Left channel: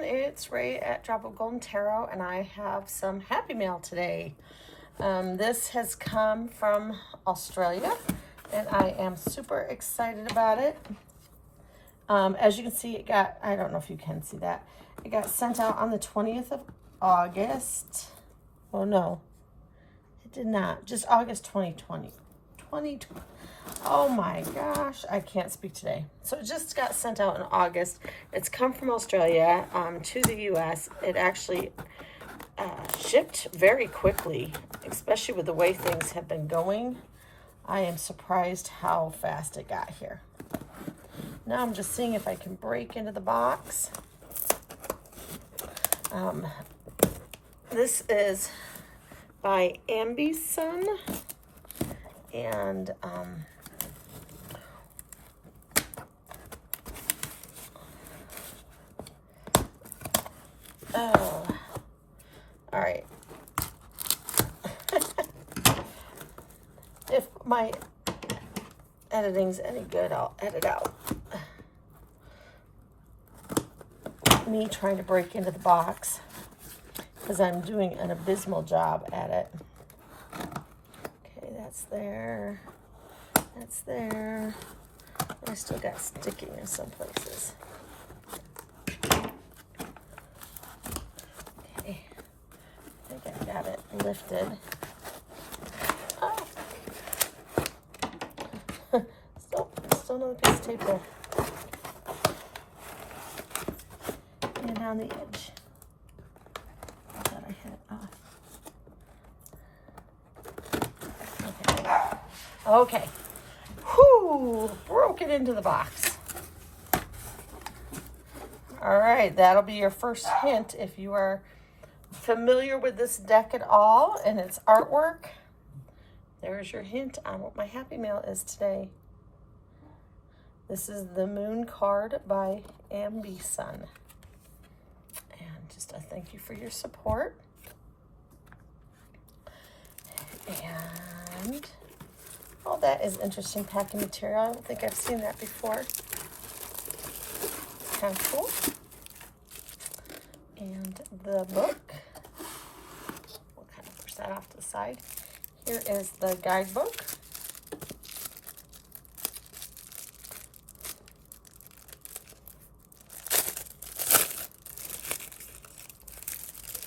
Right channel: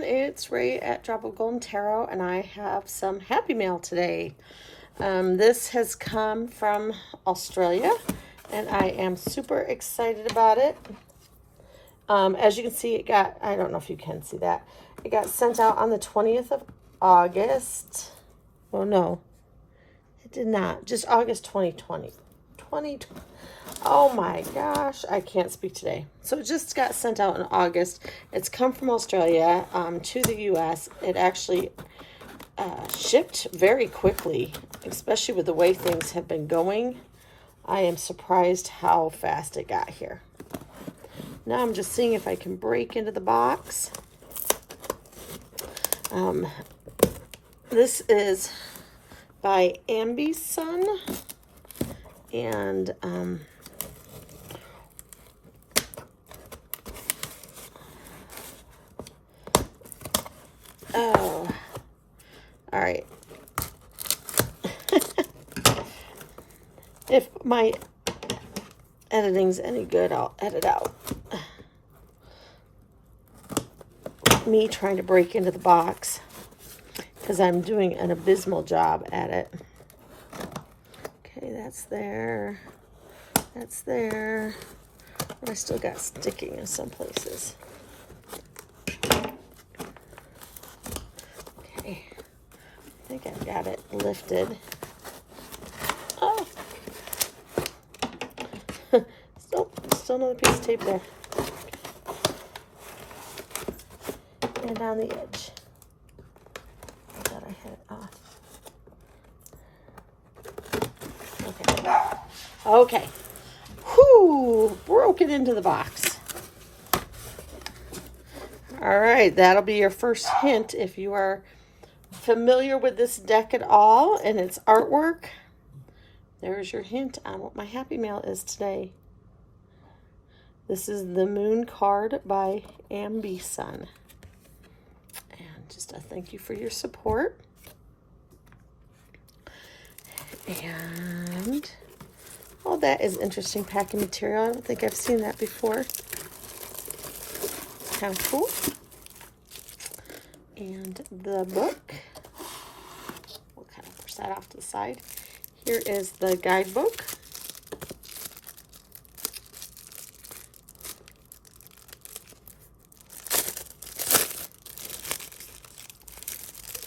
everyone, it's Ray at Drop of Golden Tarot, and I have some happy mail today. This has come from Australia, and I am super excited about it. As you can see, it got, I don't know if you can see that, it got sent out on the 20th of August. Oh no, it did not, just August 2020. Oh my gosh, I can't speak today. So it just got sent out in August. It's come from Australia to the US. It actually shipped very quickly, especially with the way things have been going. I am surprised how fast it got here. Now I'm just seeing if I can break into the box. This is by Ambisun. And oh, all right. If my editing's any good, I'll edit out me trying to break into the box because I'm doing an abysmal job at it. That's there. That's there. But I still got sticking in some places. Okay. I think I got it lifted. Oh. Still another piece of tape there. And down the edge. That I had Okay. Whoo! Broke it into the box. All right, that'll be your first hint if you are familiar with this deck at all and its artwork. There's your hint on what my happy mail is today. This is the Moon card by Ambisun. And just a thank you for your support. And oh, that is interesting packing material. I don't think I've seen that before. How cool. And the book. We'll kind of push that off to the side. Here is the guidebook.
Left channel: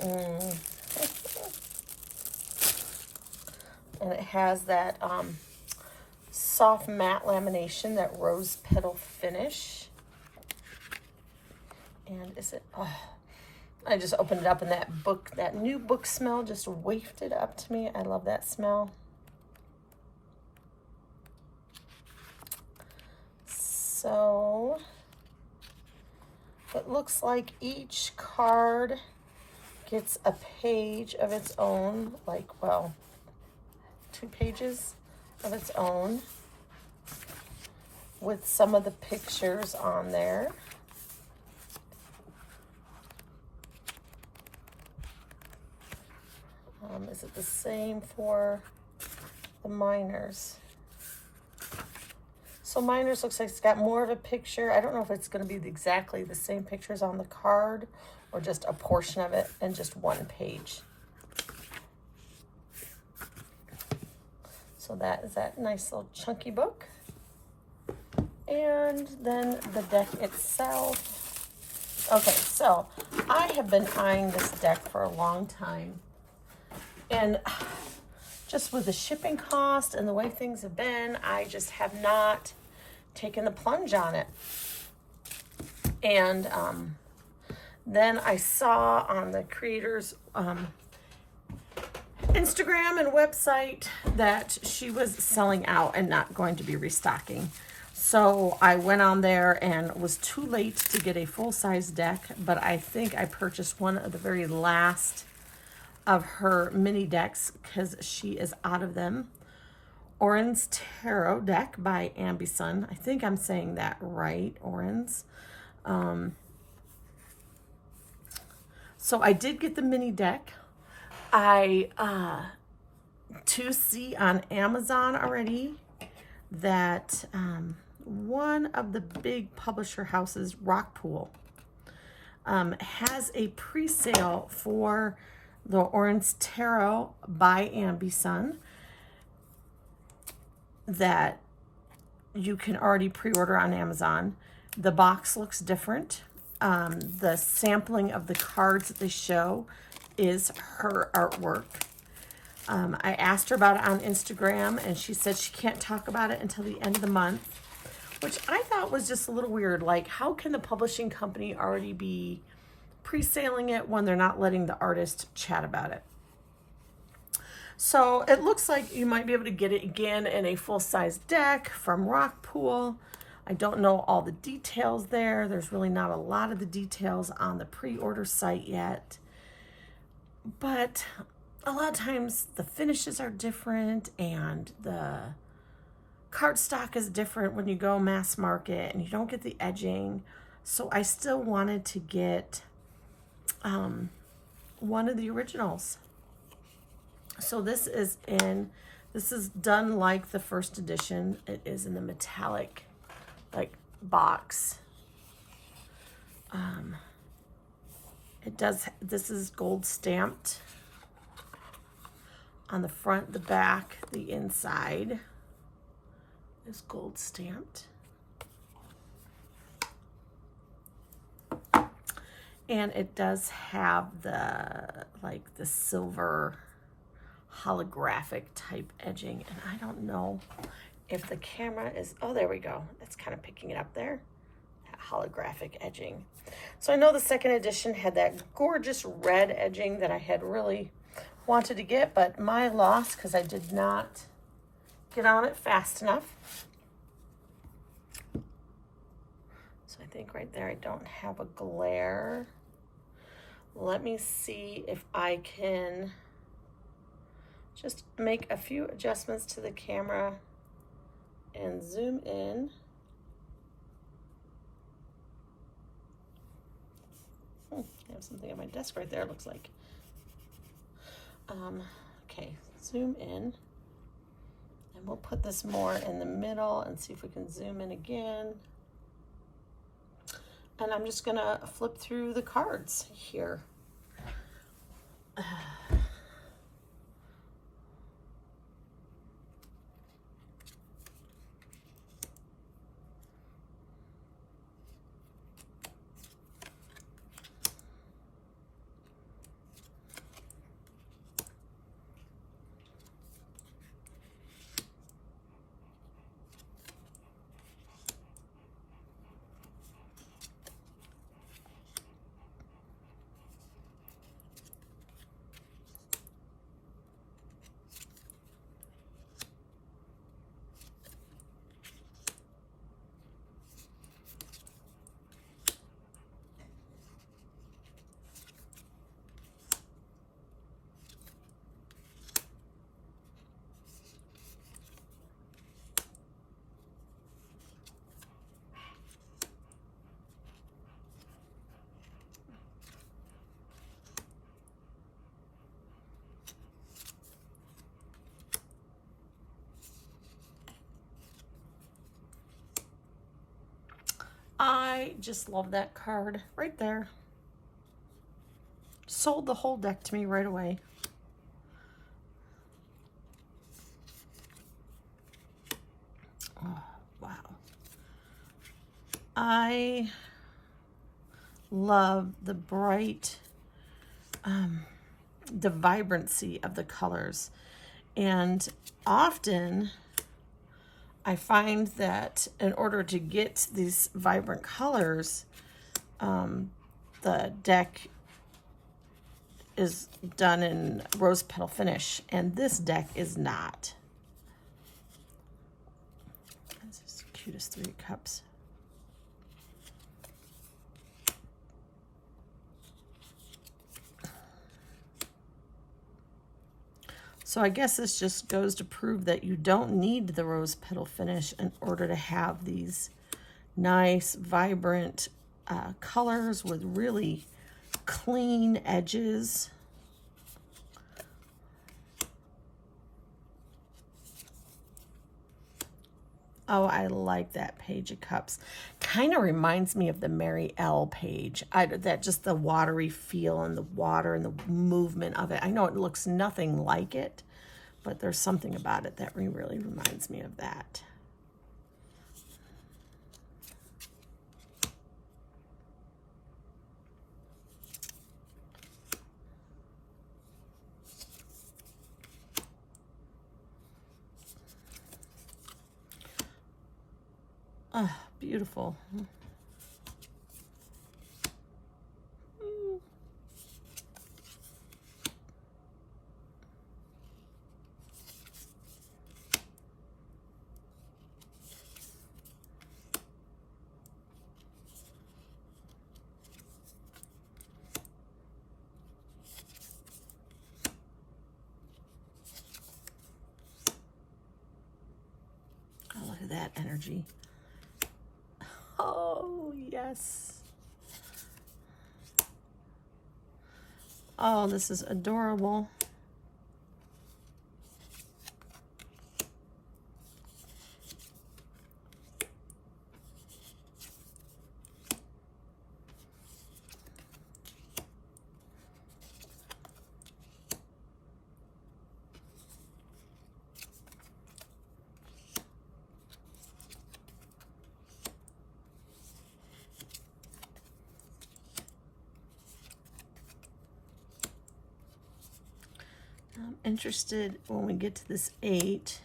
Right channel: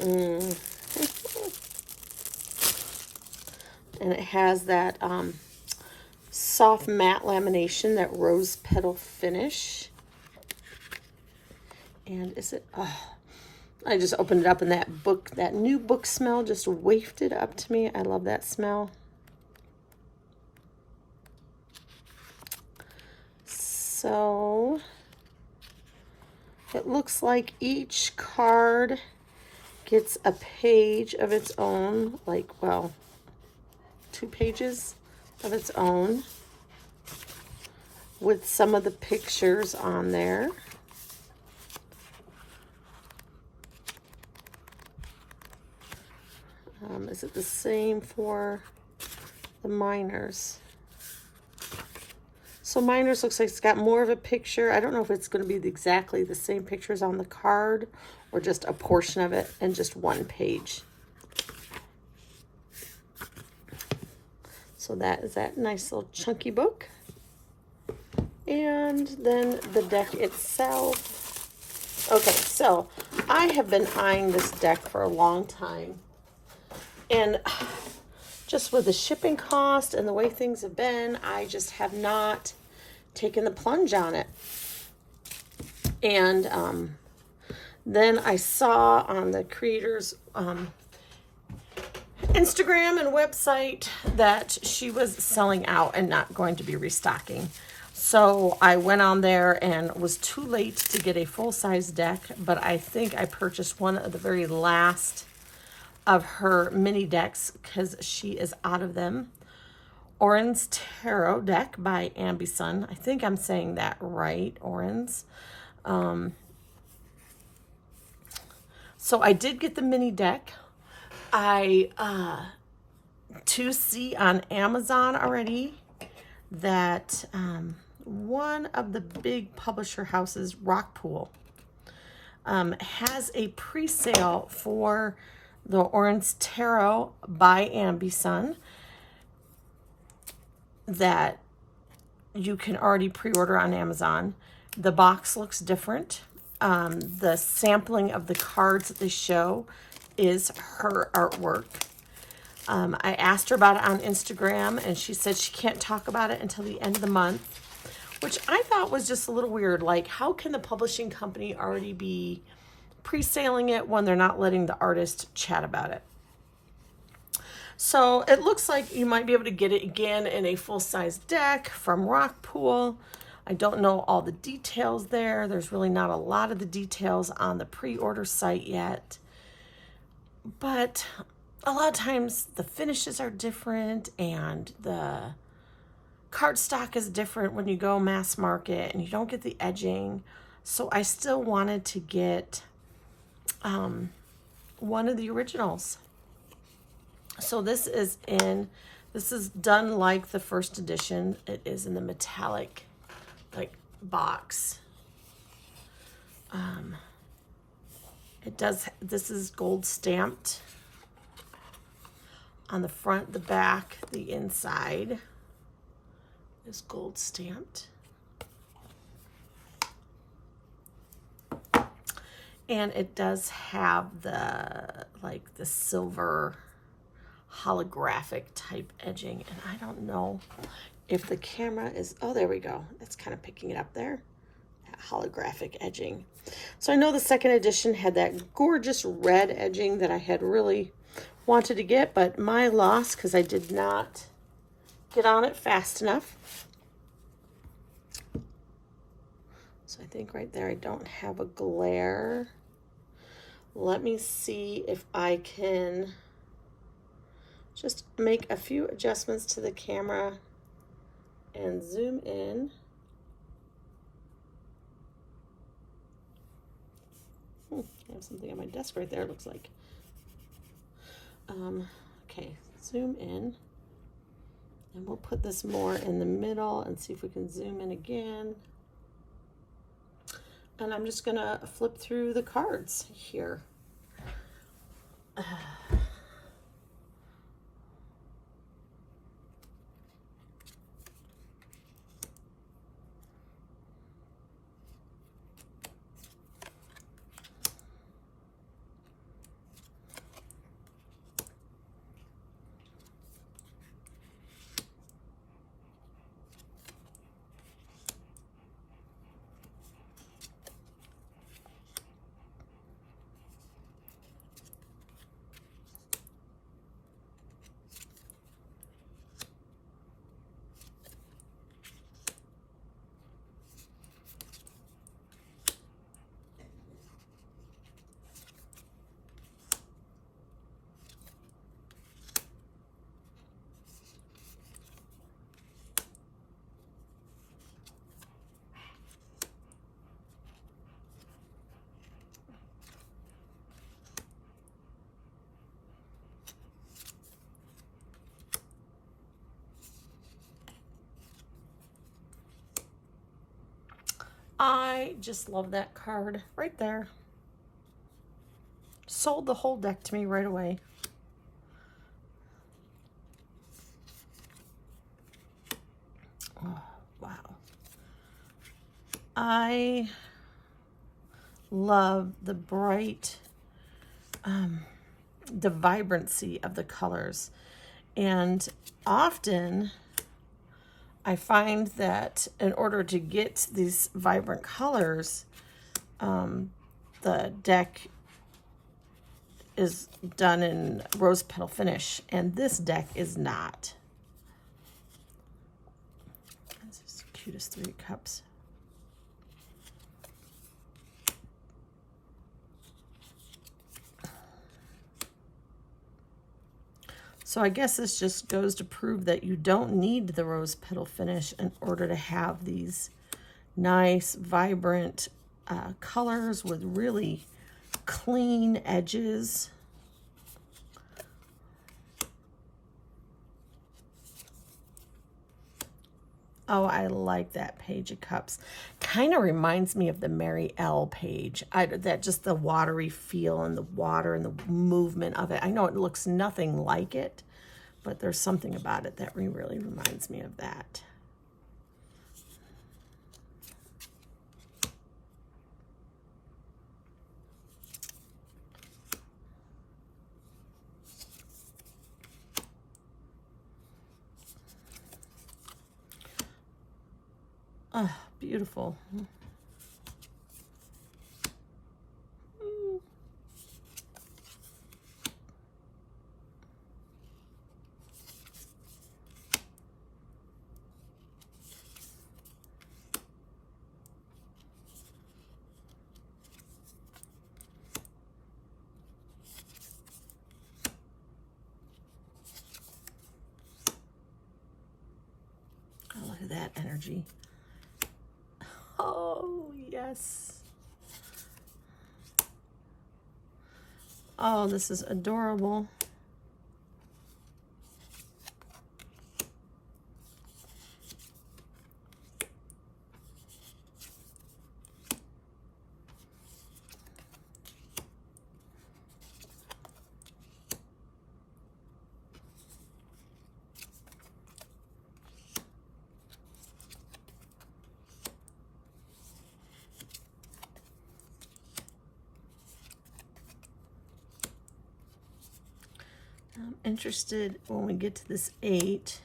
And it has that soft matte lamination, that rose petal finish. And is it, I just opened it up and that book, that new book smell just wafted up to me. I love that smell. So it looks like each card gets a page of its own, like, well, 2 pages of its own with some of the pictures on there. Is it the same for the minors? So minors looks like it's got more of a picture. I don't know if it's going to be exactly the same pictures on the card or just a portion of it and just one page. So that is that nice little chunky book. And then the deck itself. Okay, so I have been eyeing this deck for a long time. And just with the shipping cost and the way things have been, I just have not taken the plunge on it. And then I saw on the creator's Instagram and website that she was selling out and not going to be restocking. So I went on there and was too late to get a full-size deck, but I think I purchased one of the very last of her mini decks because she is out of them. Oriens Tarot deck by Ambisun. I think I'm saying that right, Oriens. So I did get the mini deck. I to see on Amazon already that one of the big publisher houses, Rockpool, has a pre-sale for the Oriens Tarot by Ambisun that you can already pre-order on Amazon. The box looks different. The sampling of the cards that they show is her artwork. I asked her about it on Instagram, and she said she can't talk about it until the end of the month, which I thought was just a little weird. Like, how can the publishing company already be pre-selling it when they're not letting the artist chat about it? So it looks like you might be able to get it again in a full-size deck from Rockpool. I don't know all the details there. There's really not a lot of the details on the pre-order site yet. But a lot of times the finishes are different and the cardstock is different when you go mass market and you don't get the edging. So I still wanted to get one of the originals. So this is done like the first edition. It is in the metallic like box. This is gold stamped on the front, the back, the inside is gold stamped. And it does have the silver holographic type edging. And I don't know if the camera is, oh, there we go. It's kind of picking it up there. That holographic edging. So I know the second edition had that gorgeous red edging that I had really wanted to get, but my loss because I did not get on it fast enough. So I think right there I don't have a glare. Let me see if I can just make a few adjustments to the camera and zoom in. I have something on my desk right there, it looks like. Okay, zoom in. And we'll put this more in the middle and see if we can zoom in again. And I'm just gonna flip through the cards here. I just love that card right there. Sold the whole deck to me right away. Oh, wow. I love the bright, the vibrancy of the colors. And often I find that in order to get these vibrant colors, the deck is done in rose petal finish, and this deck is not. This is the cutest 3 cups. So I guess this just goes to prove that you don't need the rose petal finish in order to have these nice, vibrant colors with really clean edges. Oh, I like that Page of Cups. Kind of reminds me of the Mary L page. That just the watery feel and the water and the movement of it. I know it looks nothing like it, but there's something about it that really reminds me of that. Oh, beautiful. Oh, look at that energy. Oh, yes. Oh, this is adorable. I'm interested when we get to this 8.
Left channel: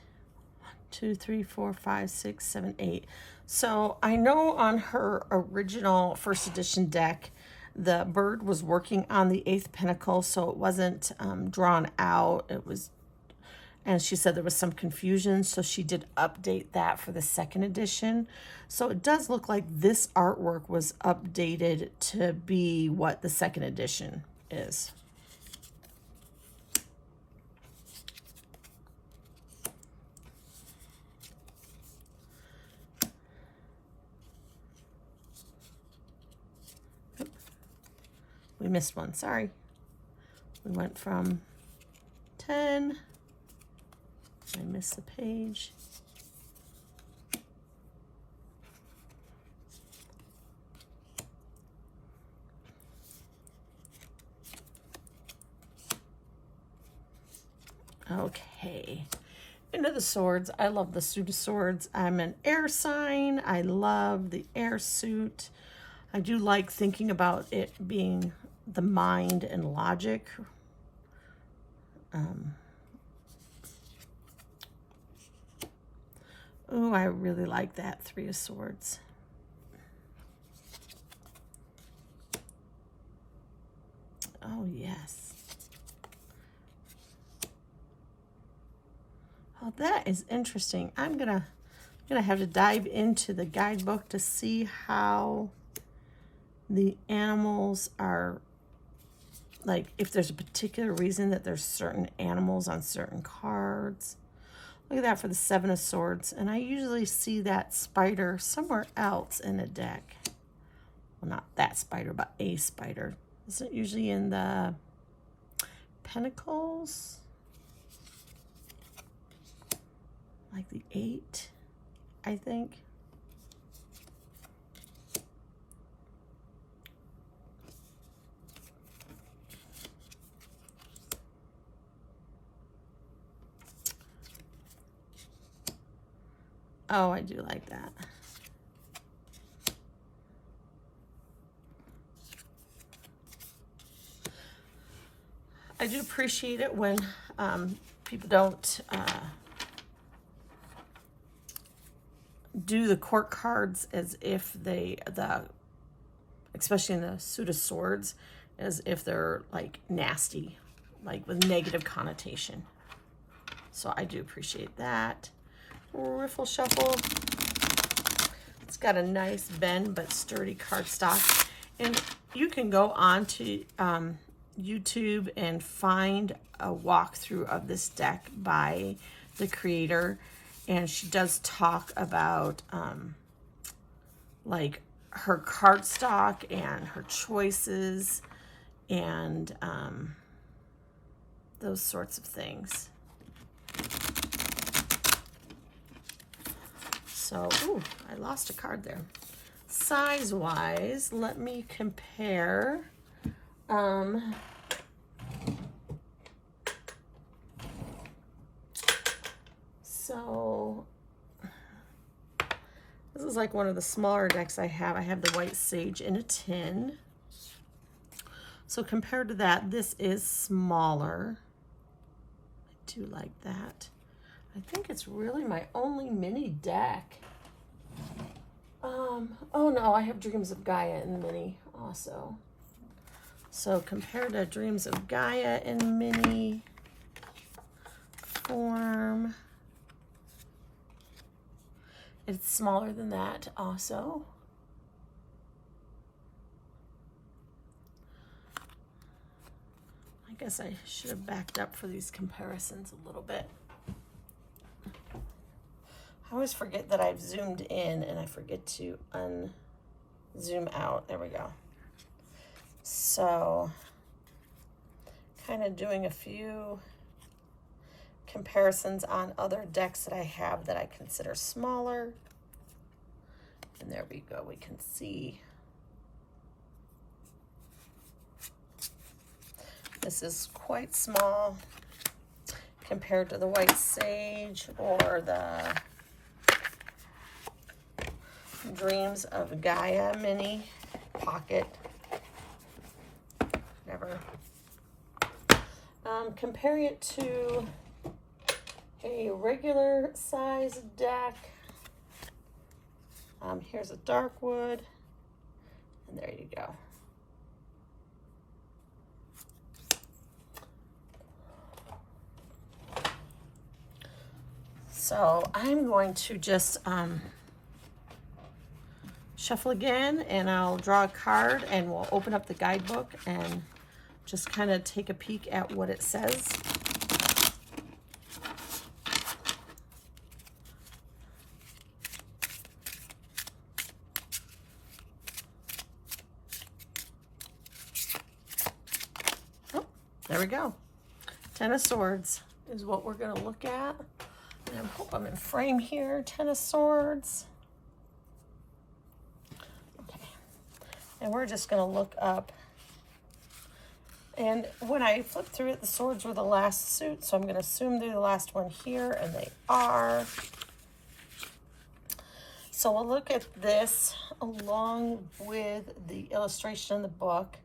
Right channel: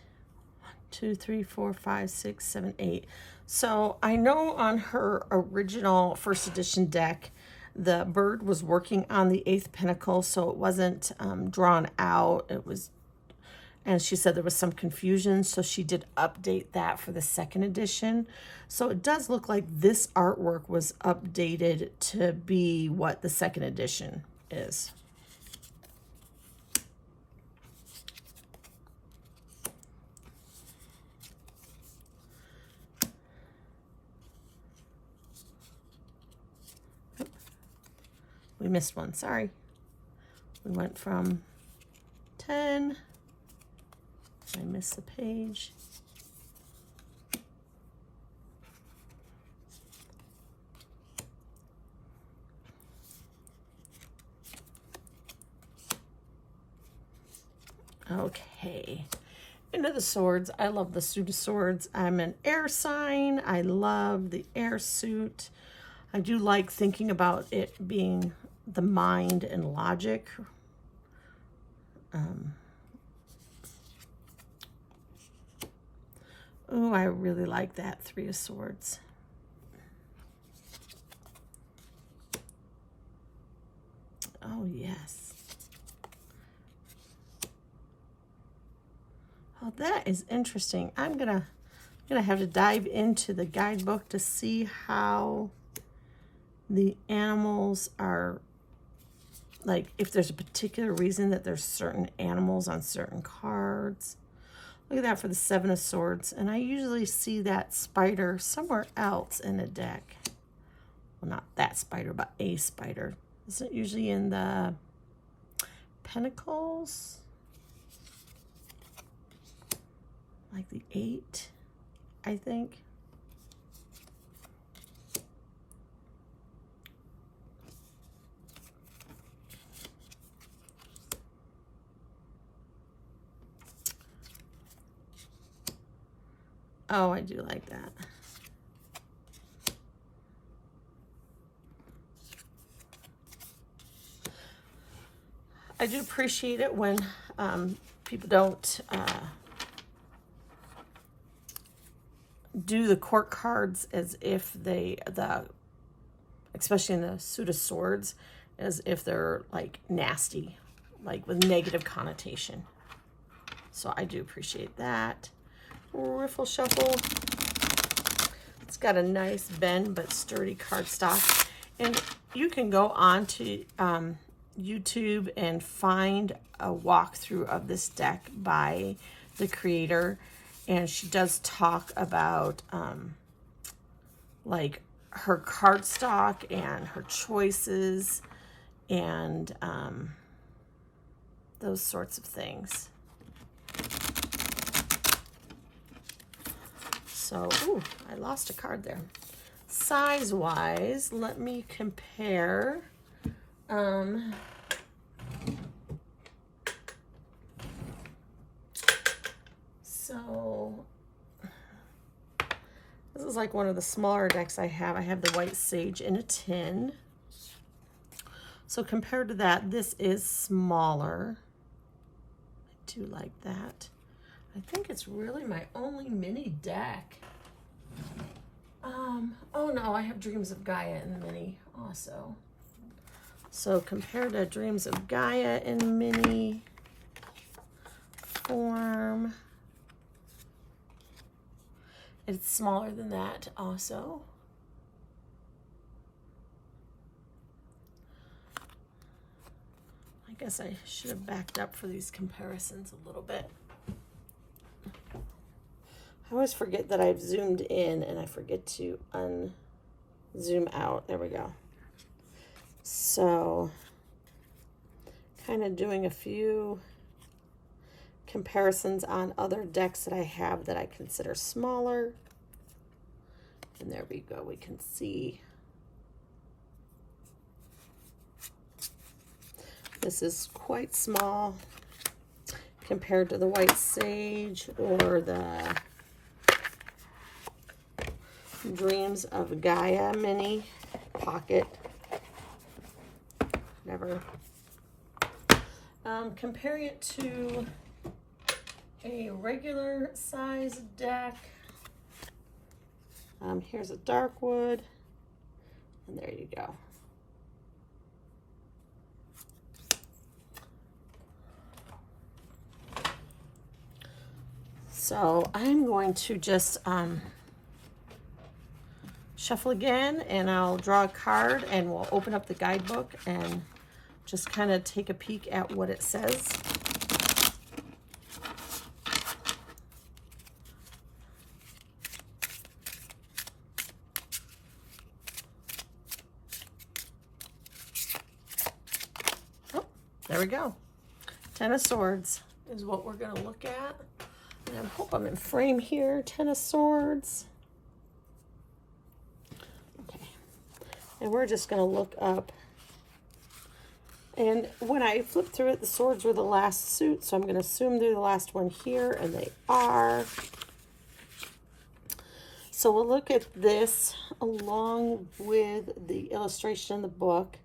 1, 2, 3, 4, 5, 6, 7, 8. So I know on her original first edition deck, the bird was working on the 8th pentacle, so it wasn't drawn out. It was, and she said there was some confusion, so she did update that for the 2nd edition. So it does look like this artwork was updated to be what the 2nd edition is. We missed one, sorry. We went from 10. I missed the page. Okay. Into the swords. I love the suit of swords. I'm an air sign. I love the air suit. I do like thinking about it being the mind and logic. Oh, I really like that 3 of swords. Oh, yes. Oh, that is interesting. I'm gonna have to dive into the guidebook to see how the animals are, like, if there's a particular reason that there's certain animals on certain cards. Look at that for the 7 of swords. And I usually see that spider somewhere else in a deck. Well, not that spider, but a spider. Isn't it usually in the pentacles? Like the 8, I think. Oh, I do like that. I do appreciate it when people don't do the court cards as if especially in the suit of swords, as if they're like nasty, like with negative connotation. So I do appreciate that. Riffle shuffle. It's got a nice bend but sturdy cardstock, and you can go on to YouTube and find a walkthrough of this deck by the creator, and she does talk about like her cardstock and her choices and those sorts of things. So, ooh, I lost a card there. Size-wise, let me compare. So this is like one of the smaller decks I have. I have the White Sage in a tin. So compared to that, this is smaller. I do like that. I think it's really my only mini deck. Oh no, I have Dreams of Gaia in the mini also. So compared to Dreams of Gaia in mini form, it's smaller than that also. I guess I should have backed up for these comparisons a little bit. I always forget that I've zoomed in and I forget to unzoom out. There we go. So, kind of doing a few comparisons on other decks that I have that I consider smaller. And there we go. We can see this is quite small compared to the White Sage or the Dreams of Gaia mini pocket. Whatever. Comparing it to a regular size deck. Here's a dark wood, and there you go. So I'm going to just shuffle again, and I'll draw a card, and we'll open up the guidebook and just kind of take a peek at what it says. Oh, there we go. Ten of Swords is what we're going to look at. And I hope I'm in frame here. Ten of Swords. Okay. And we're just going to look up. And when I flipped through it, the swords were the last suit. So I'm going to assume they're the last one here. And they are. So we'll look at this along with the illustration in the book.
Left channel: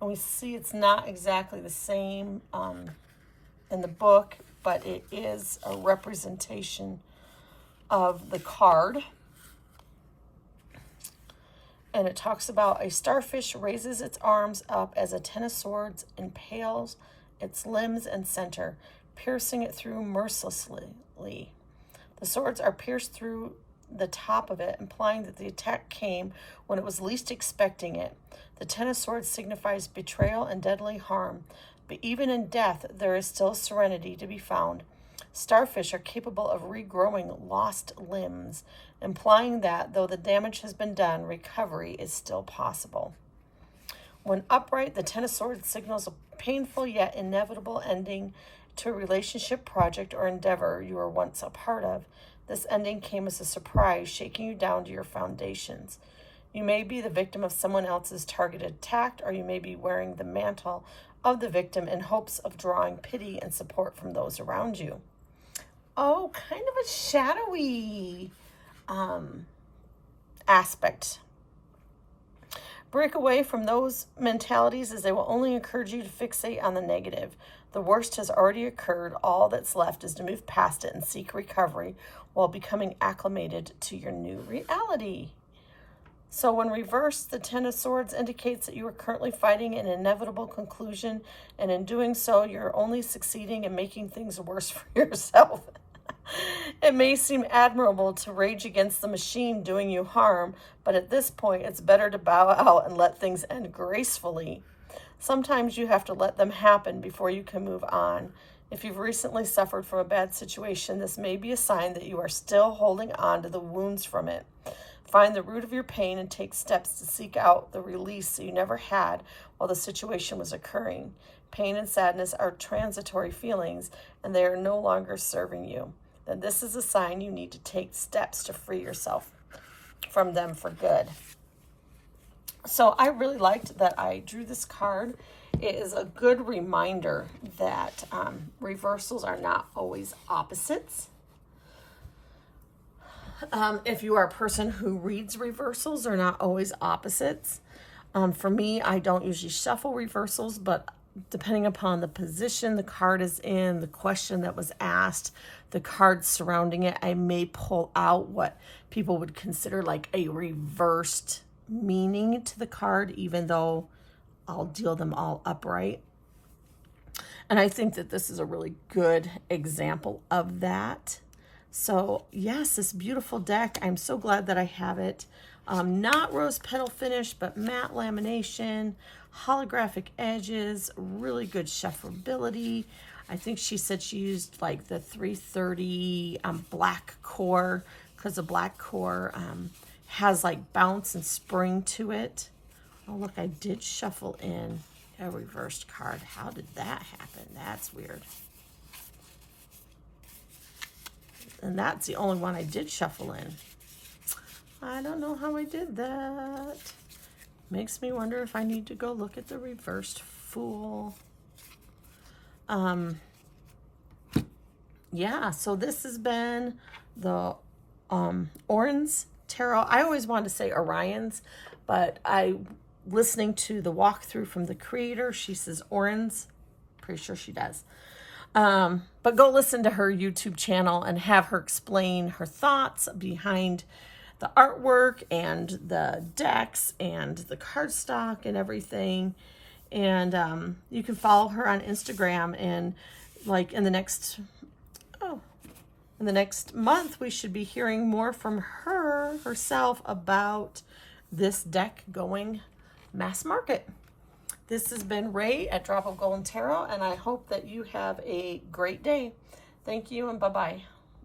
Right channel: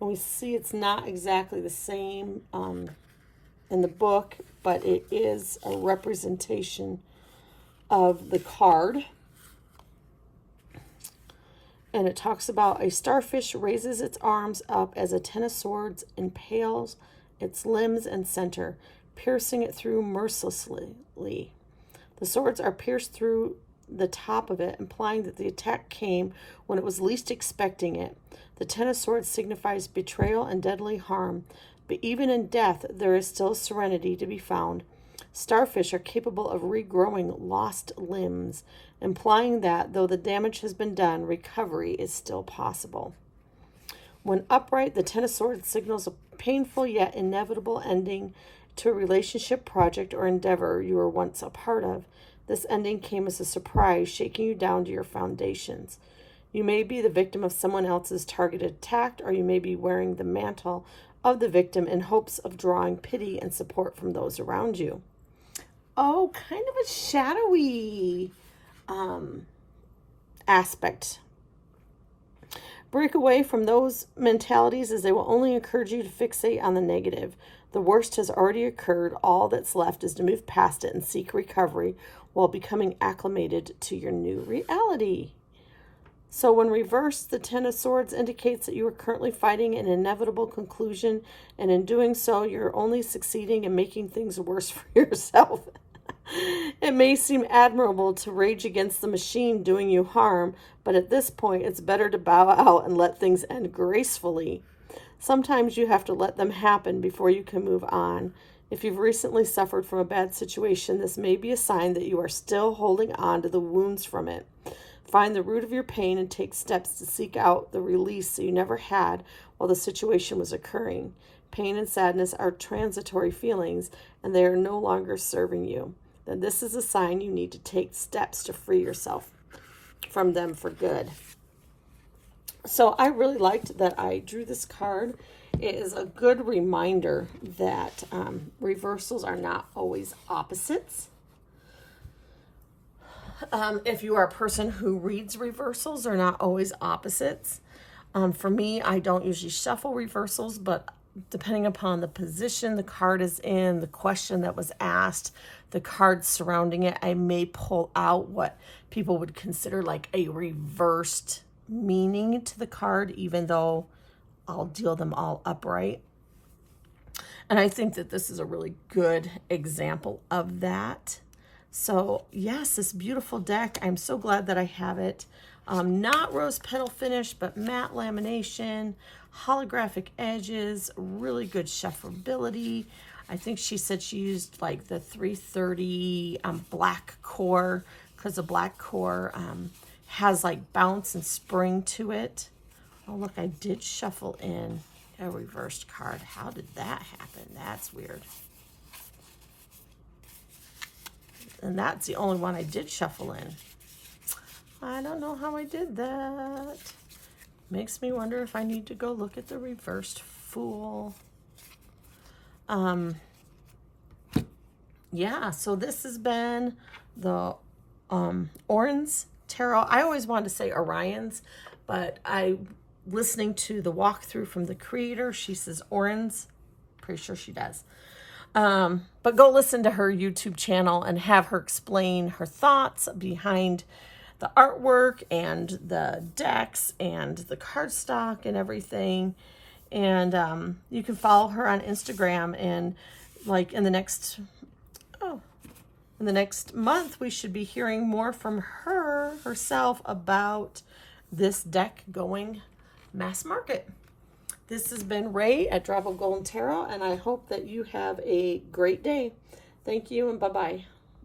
And we see it's not exactly the same in the book, but it is a representation of the card. And it talks about a starfish raises its arms up as a ten of swords impales its limbs and center, piercing it through mercilessly. The swords are pierced through the top of it, implying that the attack came when it was least expecting it. The ten of swords signifies betrayal and deadly harm, but even in death, there is still serenity to be found. Starfish are capable of regrowing lost limbs, implying that, though the damage has been done, recovery is still possible. When upright, the Ten of Swords signals a painful yet inevitable ending to a relationship, project, or endeavor you were once a part of. This ending came as a surprise, shaking you down to your foundations. You may be the victim of someone else's targeted attack, or you may be wearing the mantle of the victim in hopes of drawing pity and support from those around you. Oh, kind of a shadowy aspect. Break away from those mentalities, as they will only encourage you to fixate on the negative. The worst has already occurred. All that's left is to move past it and seek recovery while becoming acclimated to your new reality. So when reversed, the Ten of Swords indicates that you are currently fighting an inevitable conclusion, and in doing so, you're only succeeding in making things worse for yourself. It may seem admirable to rage against the machine doing you harm, but at this point, it's better to bow out and let things end gracefully. Sometimes you have to let them happen before you can move on. If you've recently suffered from a bad situation, this may be a sign that you are still holding on to the wounds from it. Find the root of your pain and take steps to seek out the release that you never had while the situation was occurring. Pain and sadness are transitory feelings, and they are no longer serving you. Then this is a sign you need to take steps to free yourself from them for good. So I really liked that I drew this card. It is a good reminder that reversals are not always opposites. If you are a person who reads reversals, they're not always opposites. For me, I don't usually shuffle reversals, but depending upon the position the card is in, the question that was asked, the cards surrounding it, I may pull out what people would consider like a reversed meaning to the card, even though I'll deal them all upright. And I think that this is a really good example of that. So yes, this beautiful deck. I'm so glad that I have it. Not rose petal finish, but matte lamination, holographic edges, really good shuffleability. I think she said she used like the 330 black core, because the black core has like bounce and spring to it. Oh, look, I did shuffle in a reversed card. How did that happen? That's weird. And that's the only one I did shuffle in. I don't know how I did that. Makes me wonder if I need to go look at the reversed Fool. Yeah, so this has been the Oriens Tarot. I always wanted to say Oriens, but listening to the walkthrough from the creator, she says Oriens. Pretty sure she does. But go listen to her YouTube channel and have her explain her thoughts behind the artwork and the decks and the cardstock and everything. And you can follow her on Instagram, and like in the next month, we should be hearing more from her herself about this deck going mass market. This has been Ray at Drop of Gold Tarot, and I hope that you have a great day. Thank you, and bye-bye.